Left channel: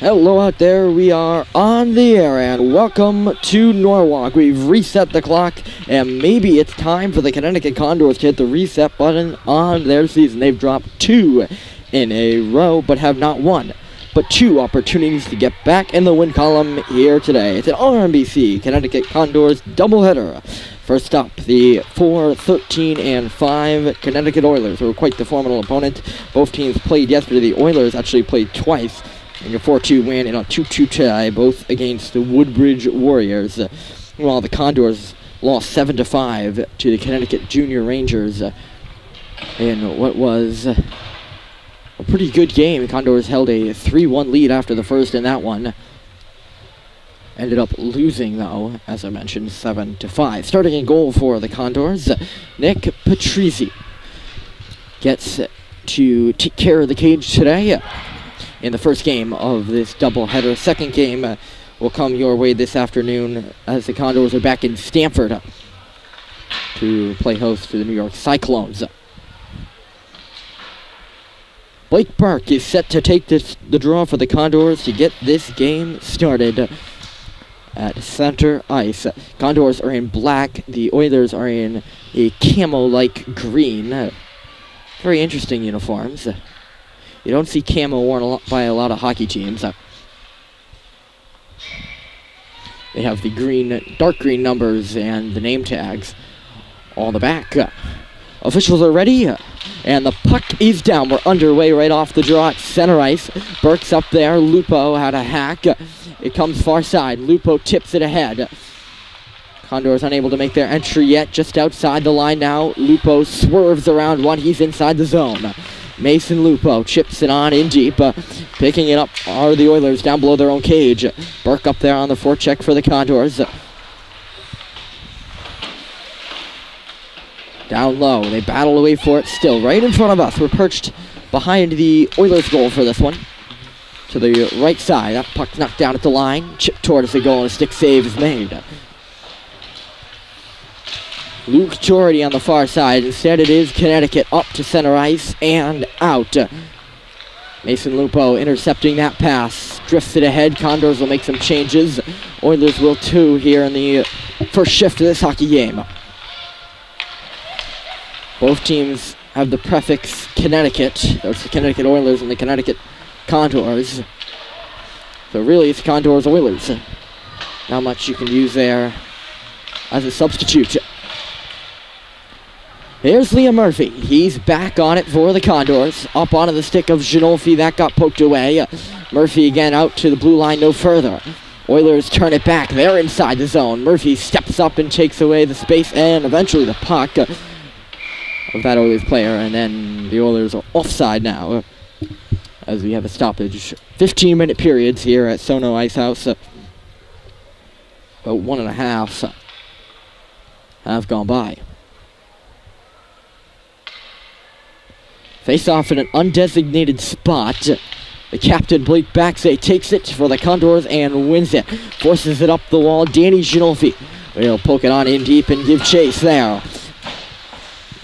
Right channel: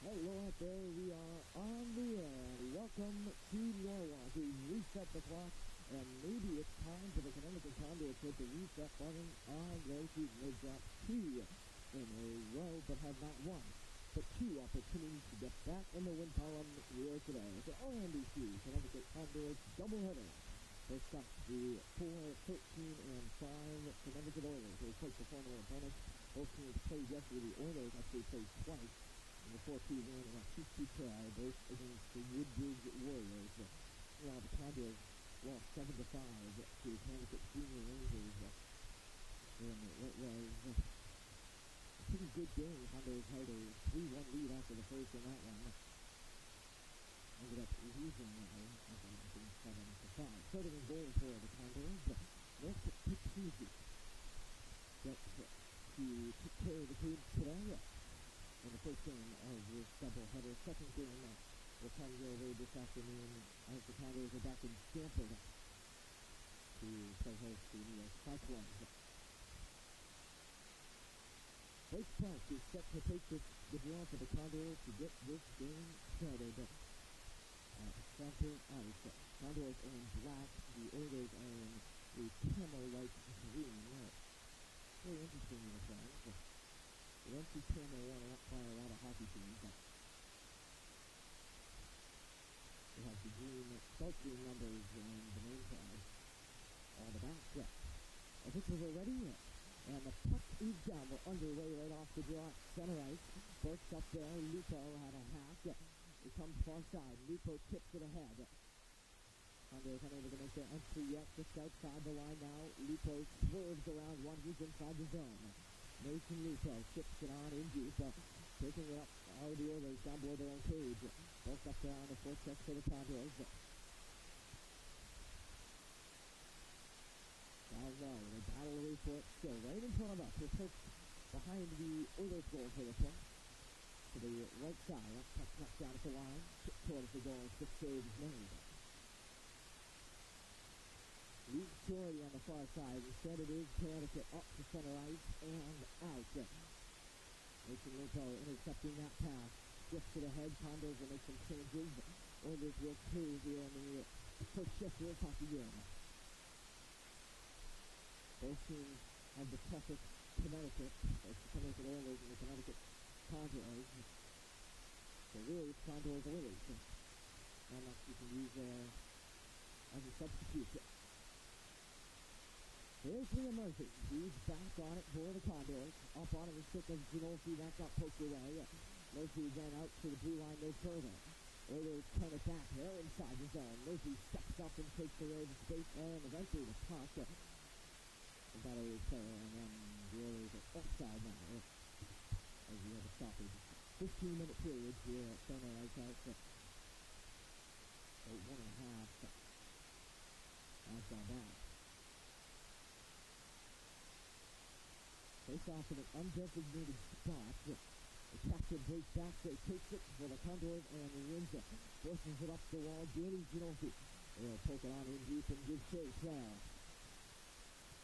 Hello out there, we are on the air and welcome to Norwalk. We've reset the clock and maybe it's time for the Connecticut Condors to hit the reset button on their season. They've dropped 2 in a row but have not won, but 2 opportunities to get back in the win column here today. It's an RMBC Connecticut Condors doubleheader. First up, the 4-13-5 Connecticut Oilers, who were quite the formidable opponent. Both teams played yesterday. The Oilers actually played twice in a 4-2 win and a 2-2 tie, both against the Woodbridge Warriors. While the Condors lost 7-5 to the Connecticut Junior Rangers in what was a pretty good game. The Condors held a 3-1 lead after the first in that one. Ended up losing, though, as I mentioned, 7-5. Starting in goal for the Condors, Nick Patrizzi gets to take care of the cage today in the first game of this doubleheader. Second game will come your way this afternoon as the Condors are back in Stamford to play host to the New York Cyclones. Blake Burke is set to take the draw for the Condors to get this game started at center ice. Condors are in black. The Oilers are in a camo-like green. Very interesting uniforms. You don't see camo worn by a lot of hockey teams. They have the green, dark green numbers and the name tags on the back. Officials are ready, and the puck is down. We're underway right off the draw at center ice. Burke's up there. Lupo had a hack. It comes far side. Lupo tips it ahead. Condors unable to make their entry yet. Just outside the line now. Lupo swerves around one. He's inside the zone. Mason Lupo chips it on in deep. Picking it up are the Oilers down below their own cage. Burke up there on the forecheck for the Condors. Down low. They battle away for it still. Right in front of us. We're perched behind the Oilers goal for this one. To the right side. That puck's knocked down at the line. Chipped towards the goal and a stick save is made. Luke Jordy on the far side. Instead it is Connecticut up to center ice and out. Mason Lupo intercepting that pass. Drifts it ahead. Condors will make some changes. Oilers will too here in the first shift of this hockey game. Both teams have the prefix Connecticut. There's the Connecticut Oilers and the Connecticut Condors. So really it's Condors Oilers. Not much you can use there as a substitute. Here's Liam Murphy. He's back on it for the Condors. Up onto the stick of Ginolfi. That got poked away. Murphy again out to the blue line, no further. Oilers turn it back. They're inside the zone. Murphy steps up and takes away the space and eventually the puck of that Oilers player. And then the Oilers are offside now as we have a stoppage. 15-minute periods here at SoNo Ice House. About 1.5 have gone by. Face off in an undesignated spot. The captain, Blake Baxay, takes it for the Condors and wins it. Forces it up the wall. Danny Ginolfi will poke it on in deep and give chase there.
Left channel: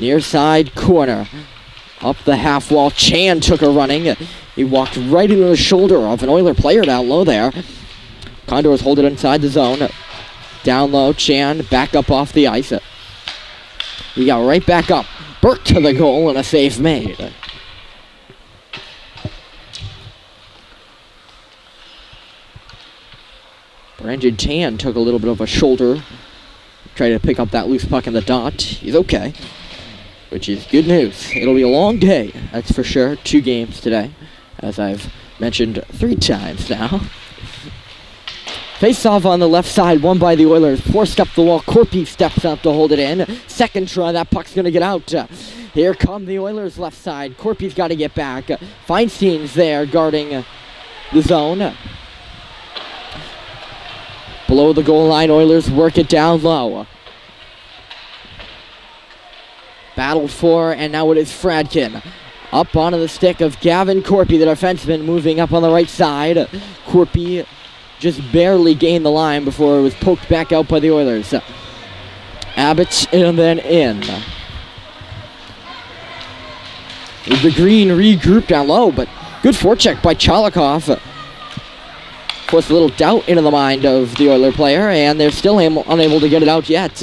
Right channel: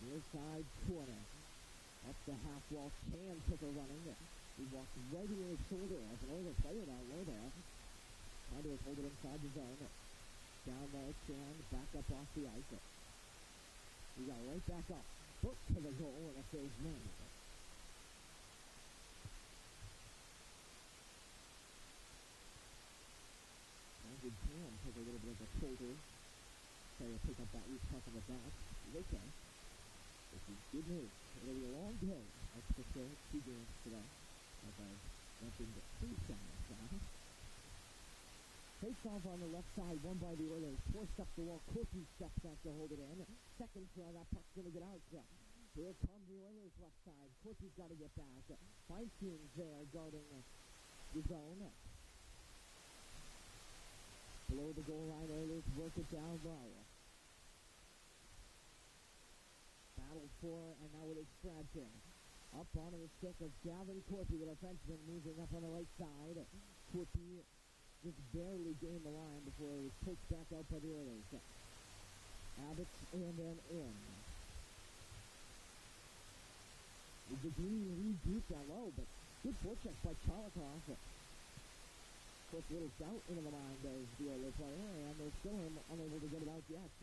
Near side corner. Up the half wall. Chan took a running. He walked right into the shoulder of an Oiler player down low there. Condors hold it inside the zone. Down low. Chan back up off the ice. He got right back up. Burke to the goal and a save made. Brandon Tan took a little bit of a shoulder. Tried to pick up that loose puck in the dot. He's okay, which is good news. It'll be a long day, that's for sure. 2 games today, as I've mentioned 3 times now. Face off on the left side, won by the Oilers. Forced up the wall. Corpy steps up to hold it in. Second try, that puck's going to get out. Here come the Oilers left side. Corpy's got to get back. Feinstein's there guarding the zone. Below the goal line, Oilers work it down low. Battled for, and now it is Fradkin. Up onto the stick of Gavin Corpy, the defenseman, moving up on the right side. Corpy just barely gained the line before it was poked back out by the Oilers. Abbott and then in. The green regrouped down low, but good forecheck by Chalikov. Puts a little doubt into the mind of the Oiler player, and they're still unable to get it out yet.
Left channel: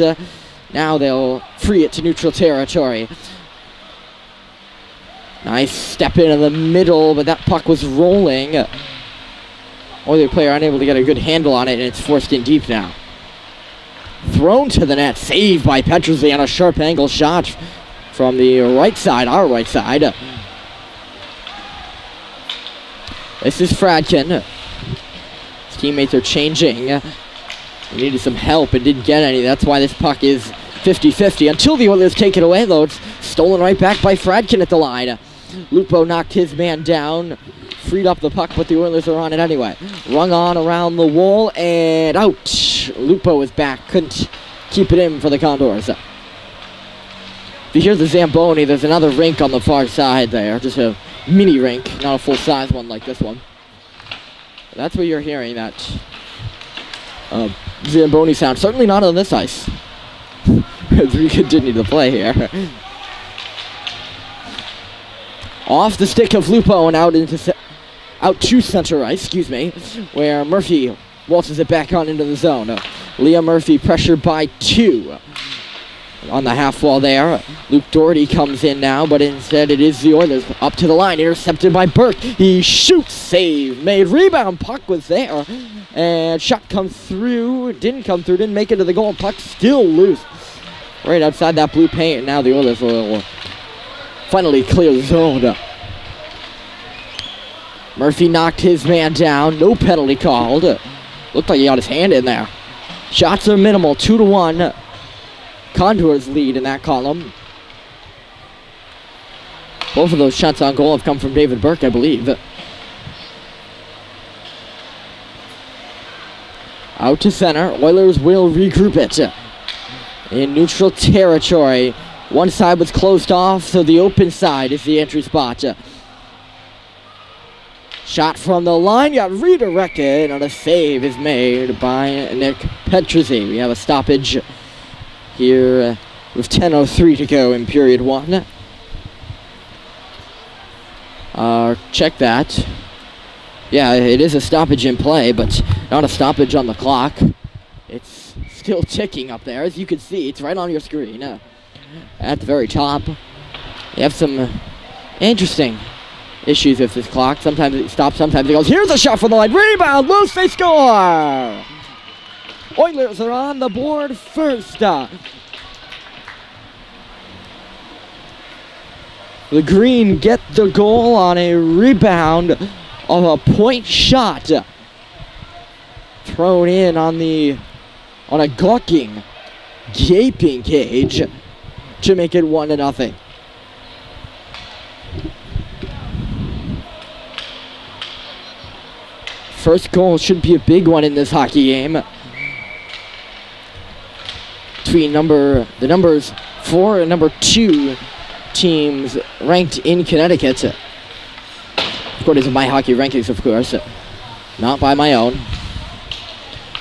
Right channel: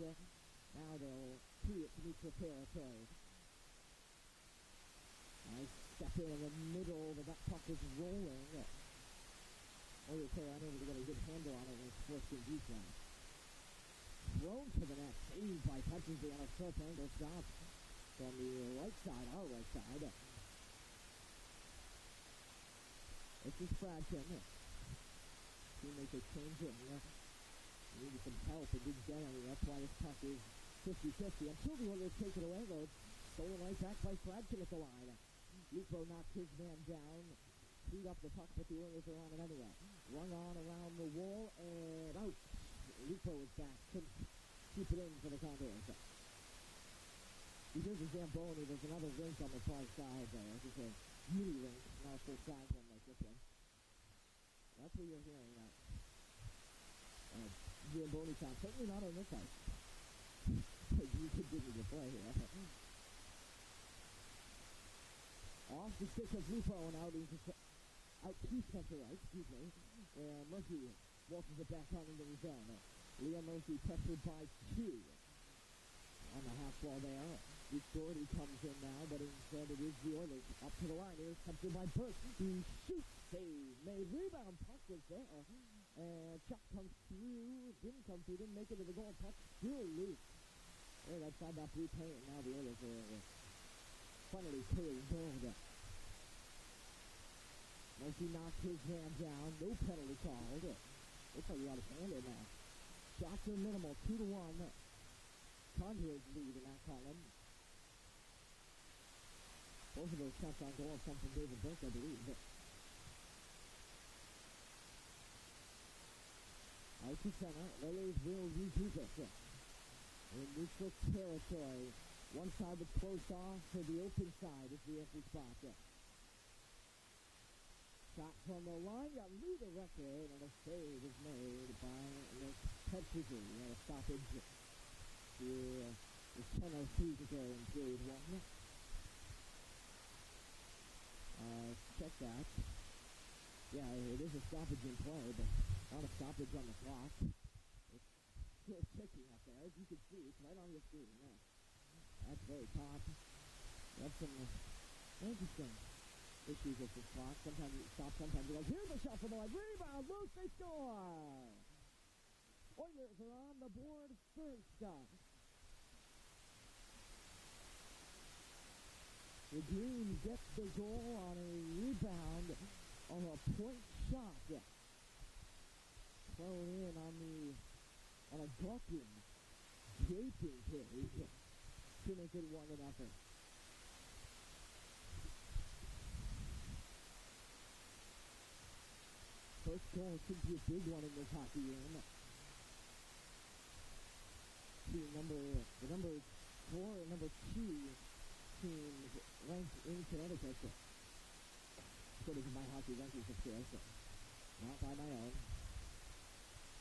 Now they'll free it to neutral territory. Nice step into the middle, but that puck was rolling. Oiler player unable to get a good handle on it, and it's forced in deep now. Thrown to the net, saved by Petruzzi on a sharp angle shot from the right side, our right side. This is Fradkin. His teammates are changing. He needed some help and didn't get any. That's why this puck is 50-50. Until the Oilers take it away, though, it's stolen right back by Fradkin at the line. Lupo knocked his man down, freed up the puck, but the Oilers are on it anyway. Rung on around the wall, and out. Lupo is back. Couldn't keep it in for the Condors. If you hear the Zamboni, there's another rink on the far side there. Just a mini rink, not a full-size one like this one. That's what you're hearing, that Zamboni sound. Certainly not on this ice, as we continue to play here. Off the stick of Lupo and out to center ice, where Murphy waltzes it back on into the zone. Leah Murphy pressured by 2 on the half wall there. Luke Doherty comes in now, but instead it is the Oilers up to the line, intercepted by Burke. He shoots, save made, rebound, puck was there, and shot comes through, didn't make it to the goal. Puck still loose right outside that blue paint, and now the Oilers will finally clear the zone. Murphy knocked his man down, no penalty called. Looked like he got his hand in there. Shots are minimal, 2-1. Condors lead in that column. Both of those shots on goal have come from David Burke, I believe. Out to center. Oilers will regroup it in neutral territory. One side was closed off, so the open side is the entry spot. Shot from the line, got redirected, and a save is made by Nick Petruzzi. We have a stoppage here with 10:03 to go in period 1. Check that. Yeah, it is a stoppage in play, but not a stoppage on the clock. It's still ticking up there. As you can see, it's right on your screen. At the very top. You have some interesting issues with this clock. Sometimes it stops, sometimes it goes. Here's a shot from the line. Rebound, loose, they score! Oilers are on the board first. The Green get the goal on a rebound of a point shot. Thrown in on a gawking, gaping Cage to make it 1-0. First goal should be a big one in this hockey game. Between the numbers 4 and number 2 teams ranked in Connecticut. According to my hockey rankings, of course. Not by my own.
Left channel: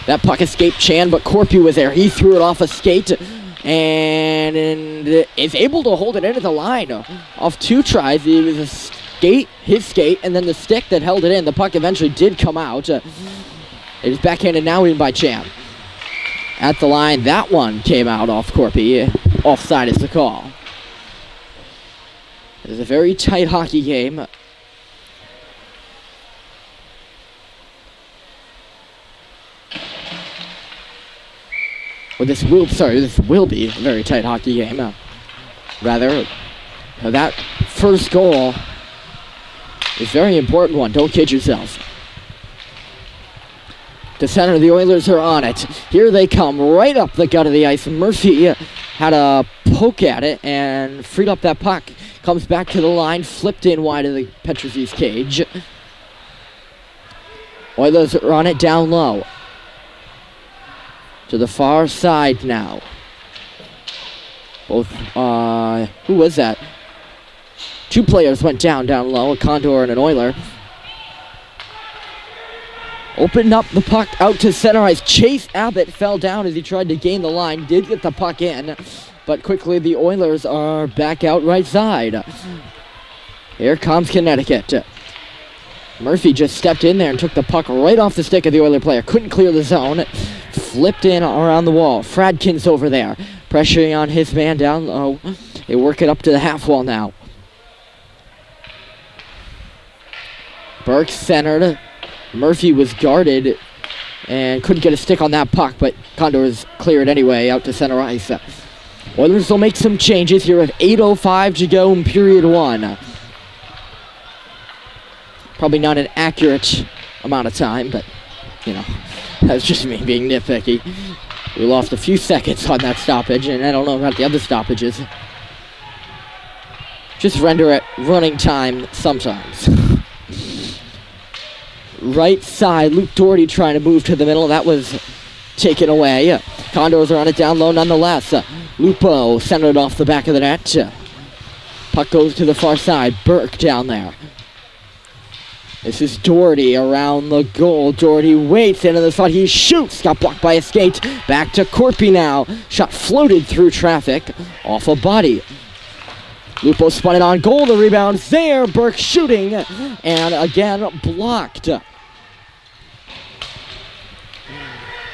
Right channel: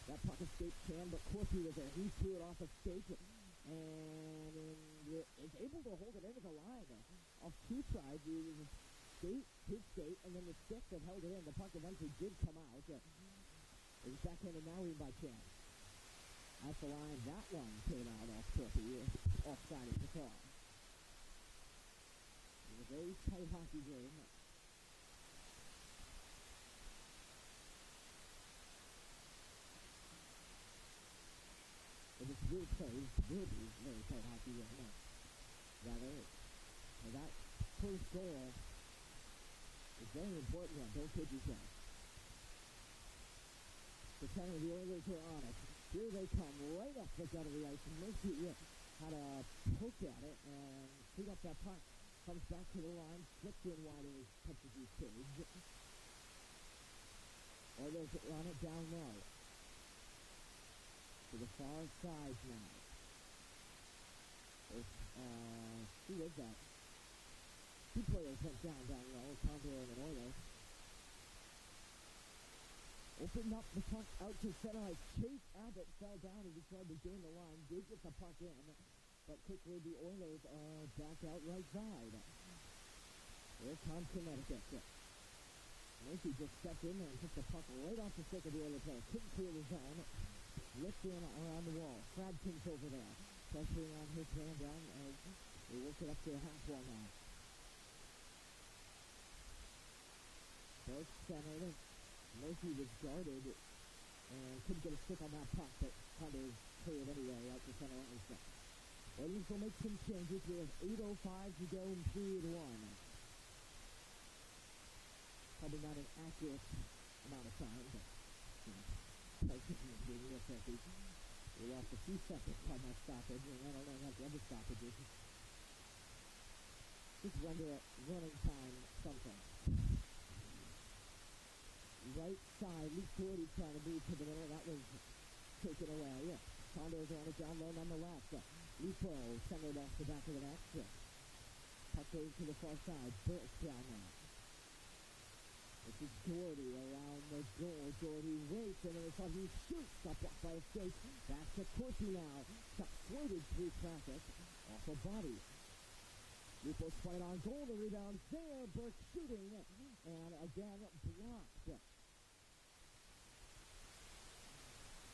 That puck escaped Chan, but Corpy was there. He threw it off a skate and is able to hold it into the line off 2 tries. It was his skate, and then the stick that held it in. The puck eventually did come out. It is backhanded now in by Chan. At the line, that one came out off Corpy. Offside is the call. It is a very tight hockey game. Well, this will be a very tight hockey game. That first goal is a very important one. Don't kid yourself. To center, the Oilers are on it. Here they come, right up the gut of the ice. Murphy had a poke at it and freed up that puck. Comes back to the line, flipped in wide of the Petruzzi's cage. Oilers are on it down low. To the far side now. Both, who was that? 2 players went down low, a Condor and an Oiler. Opened up the puck out to center ice. Chase Abbott fell down as he tried to gain the line. Did get the puck in, but quickly the Oilers are back out right side. Here comes Connecticut. Murphy just stepped in there and took the puck right off the stick of the Oiler player. Couldn't clear the zone. Flipped in around the wall. Fradkin's over there, pressuring on his man down low. They work it up to the half wall now. Burke centered. Murphy was guarded and couldn't get a stick on that puck, but Condors clear it anyway out to center ice. Oilers will make some changes here with 8:05 to go in period one. Probably not an accurate amount of time, but, you know, that's just me being nitpicky. We lost a few seconds on that stoppage, and I don't know about the other stoppages. Just render it running time sometimes. Right side, Luke Doherty trying to move to the middle. That was taken away. Condors are on it down low nonetheless. Lupo centered off the back of the net. Puck goes to the far side. Burke down there. This is Doherty around the goal. Doherty waits into the spot. He shoots. Got blocked by a skate. Back to Corpy now. Shot floated through traffic. Off a body. Lupo spun it on goal. The rebound's there. Burke shooting. And again blocked.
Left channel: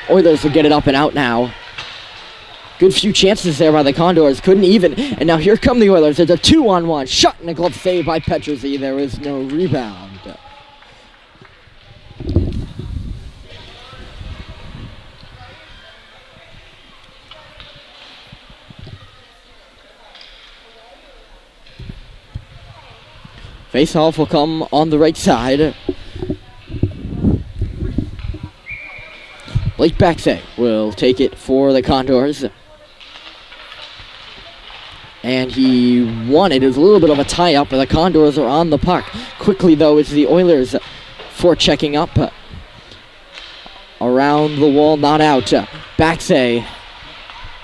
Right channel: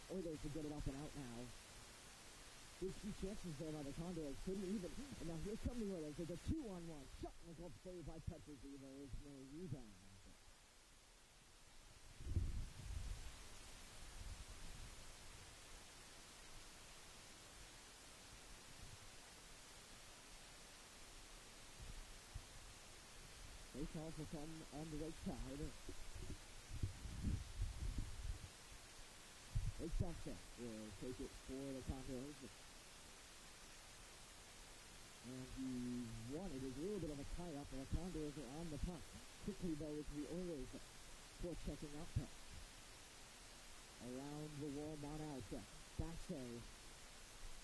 Oilers will get it up and out now. Good few chances there by the Condors. Couldn't even. And now here come the Oilers. There's a 2-on-1. Shot and a glove save by Petruzzi. There is no rebound. Face-off will come on the right side. Blake Baxay will take it for the Condors. And he won it. It was a little bit of a tie-up, but the Condors are on the puck. Quickly, though, it's the Oilers forechecking up. Around the wall, not out. Baxay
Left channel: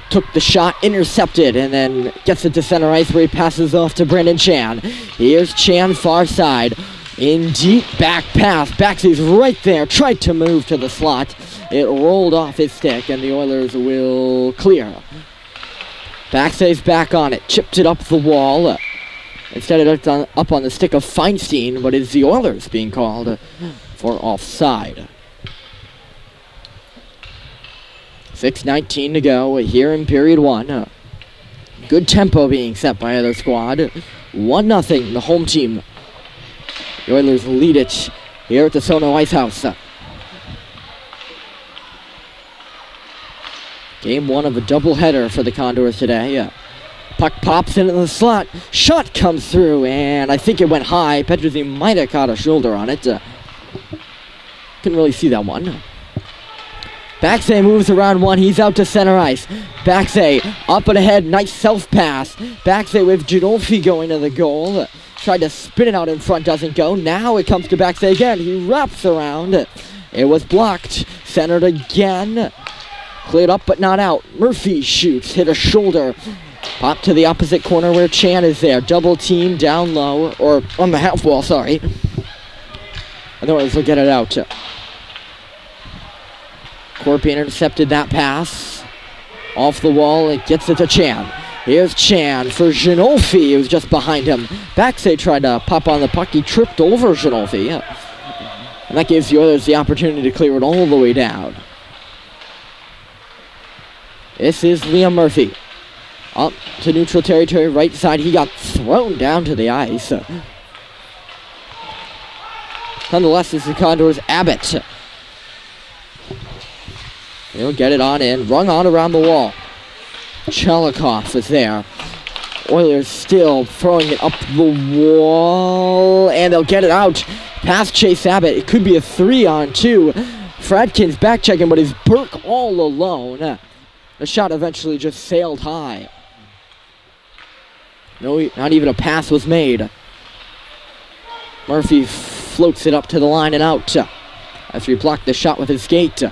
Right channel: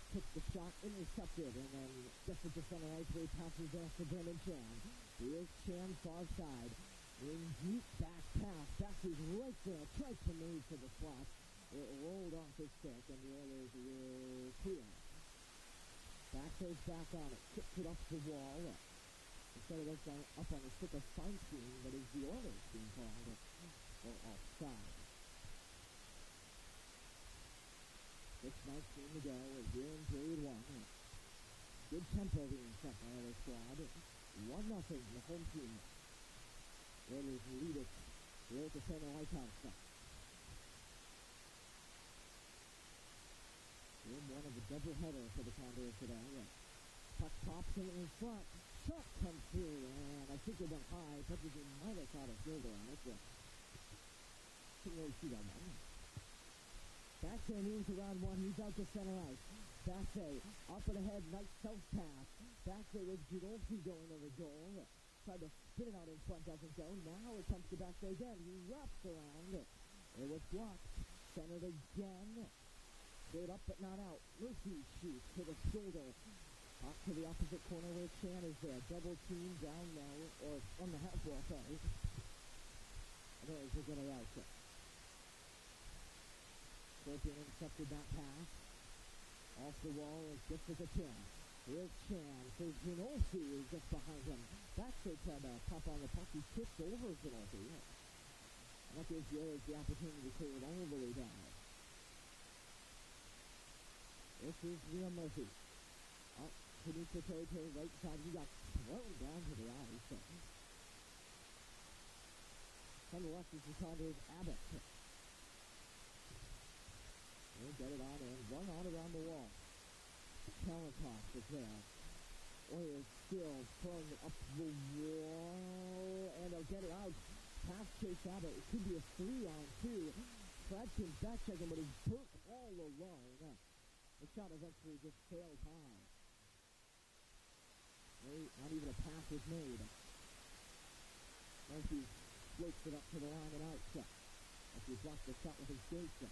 took the shot, intercepted, and then gets it to center ice where he passes off to Brendan Chan. Here's Chan, far side. In deep back pass. Baxay's right there. Tried to move to the slot. It rolled off his stick, and the Oilers will clear. Baxay's back on it. Chipped it up the wall. Instead of up on the stick of Feinstein, but it's the Oilers being called for offside. 6:19 to go here in period one. Good tempo being set by either squad. 1-0, the home team. The Oilers lead it here at the SoNo Ice House. Game one of a doubleheader for the Condors today. Puck pops into the slot. Shot comes through, and I think it went high. Petruzzi might have caught a shoulder on it. Couldn't really see that one. Baxay moves around one. He's out to center ice. Baxay up and ahead. Nice self-pass. Baxay with Ginolfi going to the goal. Tried to spin it out in front. Doesn't go. Now it comes to Baxay again. He wraps around. It was blocked. Centered again. Cleared up but not out. Murphy shoots. Hit a shoulder. Pop to the opposite corner where Chan is there. Double team down low. Or on the half wall, sorry. Otherwise they'll get it out. Corpy intercepted that pass. Off the wall, it gets it to Chan. Here's Chan for Ginolfi, who's just behind him. Baxay tried to pop on the puck. He tripped over Ginolfi. And that gives the Oilers the opportunity to clear it all the way down. This is Liam Murphy. Up to neutral territory, right side. He got thrown down to the ice. Nonetheless, this is the Condors' Abbott. He'll get it on in. Rung on around the wall. Chalikov is there. Oilers still throwing it up the wall. And they'll get it out. Past Chase Abbott. It could be a 3-on-2. Fradkin's back checking, but it's Burke all alone. The shot eventually just sailed high. No, not even a pass was made. Murphy floats it up to the line and out. After he blocked the shot with his skate.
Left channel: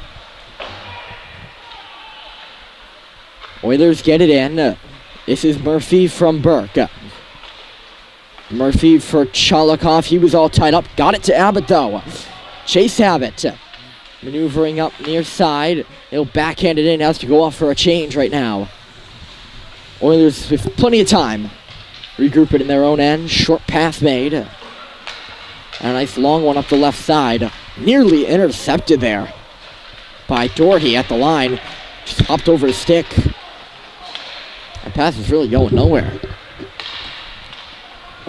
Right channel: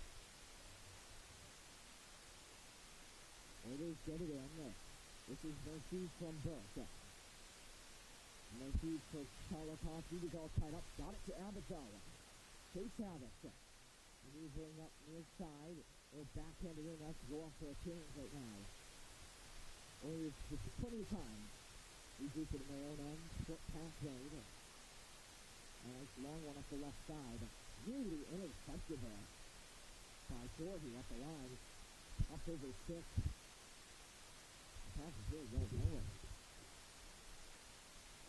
Oilers get it in. This is Murphy from Burke. Murphy for Chalikov. He was all tied up. Got it to Abbott, though. Chase Abbott. Maneuvering up near side. He'll backhand it in. Has to go off for a change right now. Oilers with plenty of time. Regroup it in their own end. Short pass made. And a nice long one up the left side. Nearly intercepted there by Doherty at the line. Just hopped over his stick. That pass is really going nowhere.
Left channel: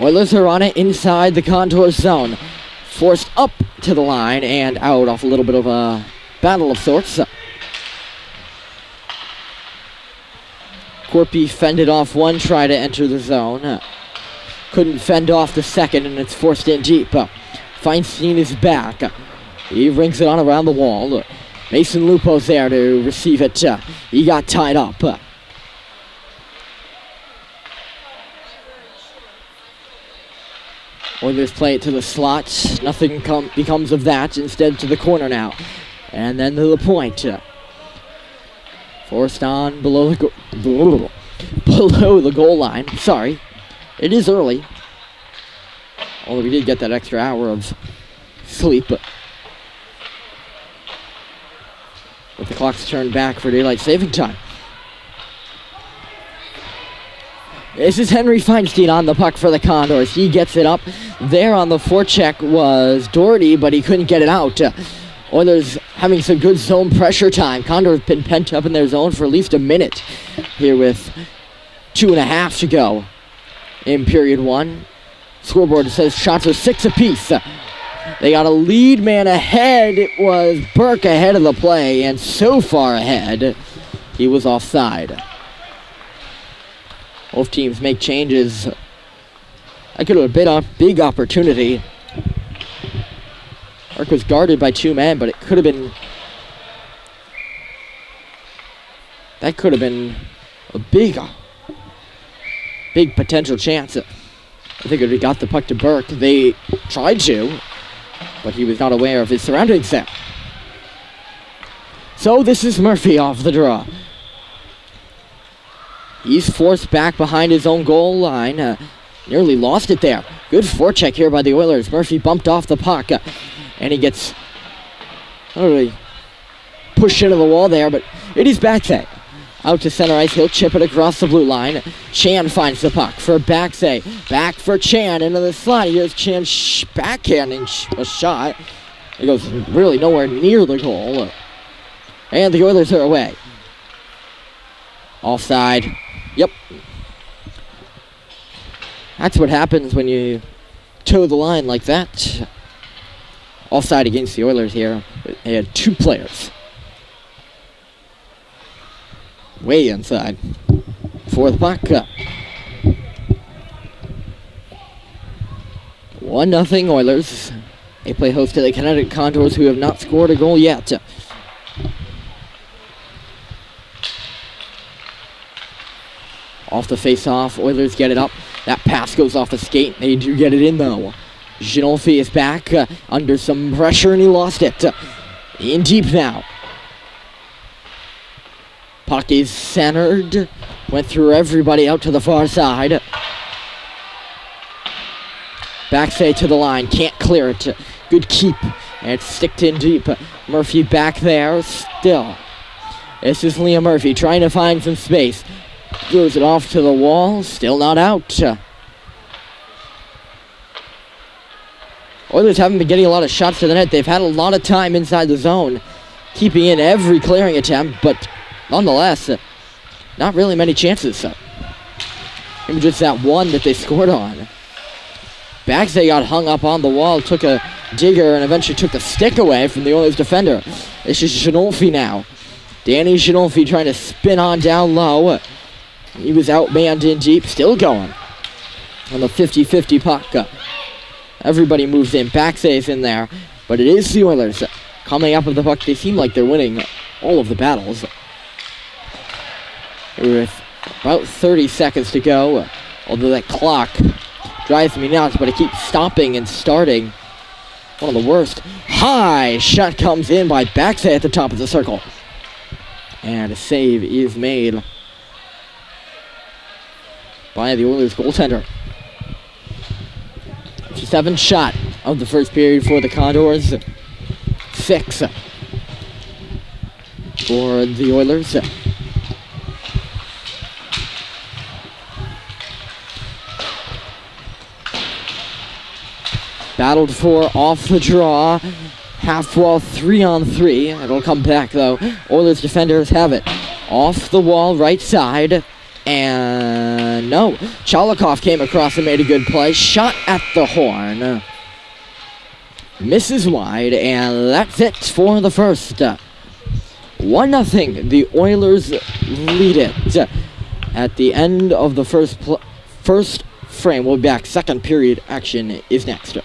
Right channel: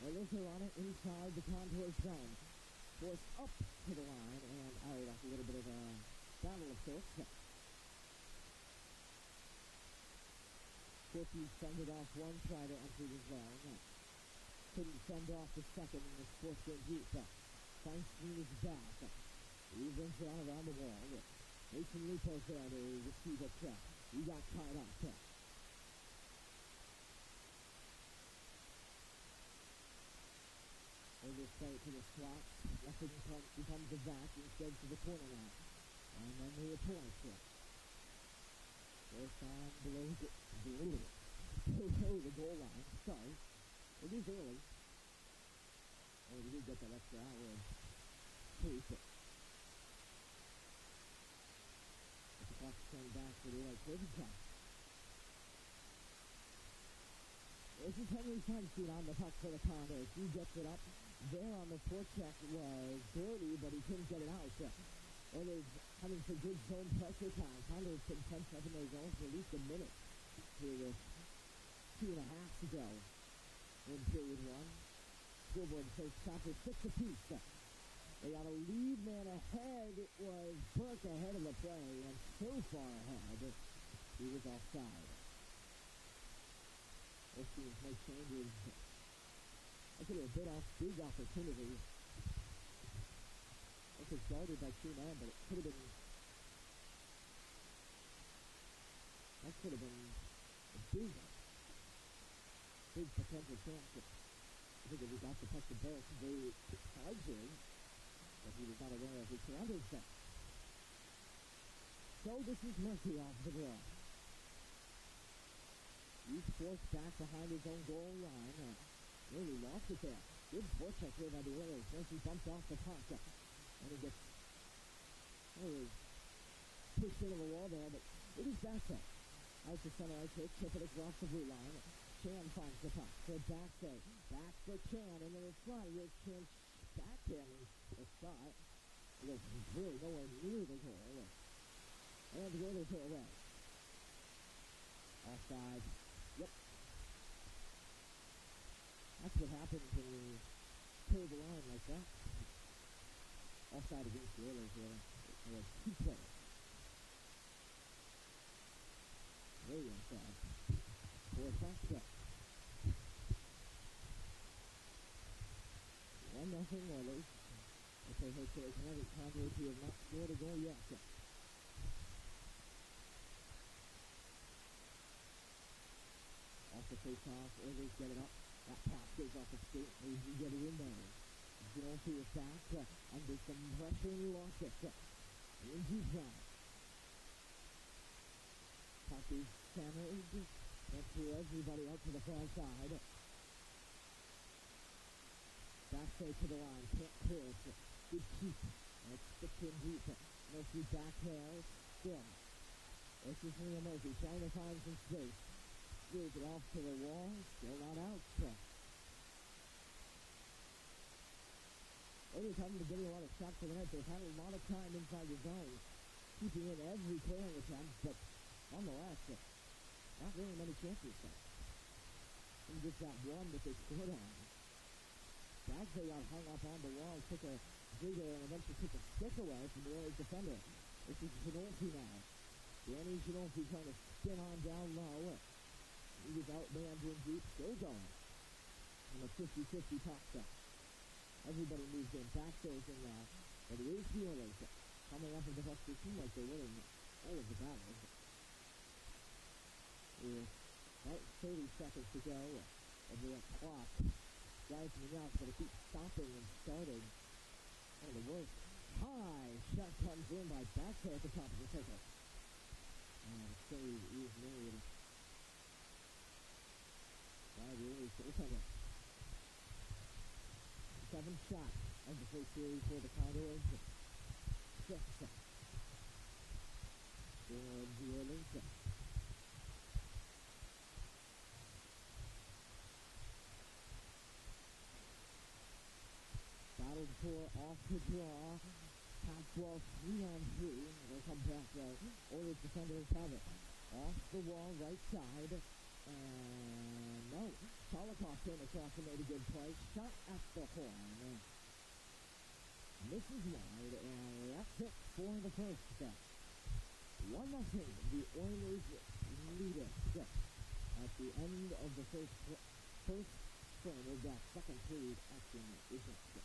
Oilers are on it inside the Condors zone. Forced up to the line and out off a little bit of a battle of sorts. Corpy fended off one try to enter the zone. Couldn't fend off the second, and it's forced in deep. Feinstein is back. He rings it on around the wall. Mason Lupo's there to receive it. He got tied up. Oilers play it to the slot. Nothing becomes of that. Instead to the corner now. And then to the point. Forced on below the goal line. Sorry. It is early. Although we did get that extra hour of sleep. But the clock's turned back for daylight saving time. This is Henry Feinstein on the puck for the Condors. He gets it up. There on the forecheck was Doherty, but he couldn't get it out. Oilers having some good zone pressure time. Condors have been pent up in their zone for at least a minute here with 2.5 to go in period one. Scoreboard says shots are 6 apiece. They got a lead man ahead. It was Burke ahead of the play, and so far ahead, he was offside. Both teams make changes. That could have been a big opportunity. Burke was guarded by 2 men, but it could have been... That could have been a big potential chance. I think if he got the puck to Burke, they tried to, but he was not aware of his surroundings there. So this is Murphy off the draw. He's forced back behind his own goal line. Nearly lost it there. Good forecheck here by the Oilers. Murphy bumped off the puck, and he gets really pushed into the wall there, but it is Backse. Out to center ice, he'll chip it across the blue line. Chan finds the puck for Backse. Back for Chan into the slot. Here's Chan backhanding a shot. It goes really nowhere near the goal. And the Oilers are away. Offside. Yep. That's what happens when you toe the line like that. Offside against the Oilers here. They had 2 players. Way inside for the puck. 1-0 Oilers. They play host to the Connecticut Condors, who have not scored a goal yet. Off the face-off, Oilers get it up. That pass goes off the skate. They do get it in, though. Ginolfi is back under some pressure, and he lost it. In deep now. Puck is centered. Went through everybody out to the far side. Backse to the line. Can't clear it. Good keep. And it's sticked in deep. Murphy back there still. This is Liam Murphy trying to find some space. Throws it off to the wall. Still not out. Oilers haven't been getting a lot of shots to the net. They've had a lot of time inside the zone, keeping in every clearing attempt, but nonetheless, not really many chances. Maybe just that one that they scored on. Backse got hung up on the wall, took a digger, and eventually took the stick away from the Oilers defender. This is Ginolfi now. Danny Ginolfi trying to spin on down low. He was outmanned in deep, still going on the 50-50 puck. Everybody moves in. Backse is in there, but it is the Oilers coming up with the puck. They seem like they're winning all of the battles. With about 30 seconds to go, although that clock drives me nuts, but it keeps stopping and starting. One of the worst. High shot comes in by Backse at the top of the circle. And a save is made by the Oilers goaltender. 7th shot of the first period for the Condors. 6 for the Oilers. Battled for off the draw. Half wall 3-on-3. It'll come back though. Oilers defenders have it. Off the wall right side. And no. Chalikov came across and made a good play. Shot at the horn. Misses wide, and that's it for the first. 1-0. The Oilers lead it. At the end of the first frame, we'll be back. Second period action is next.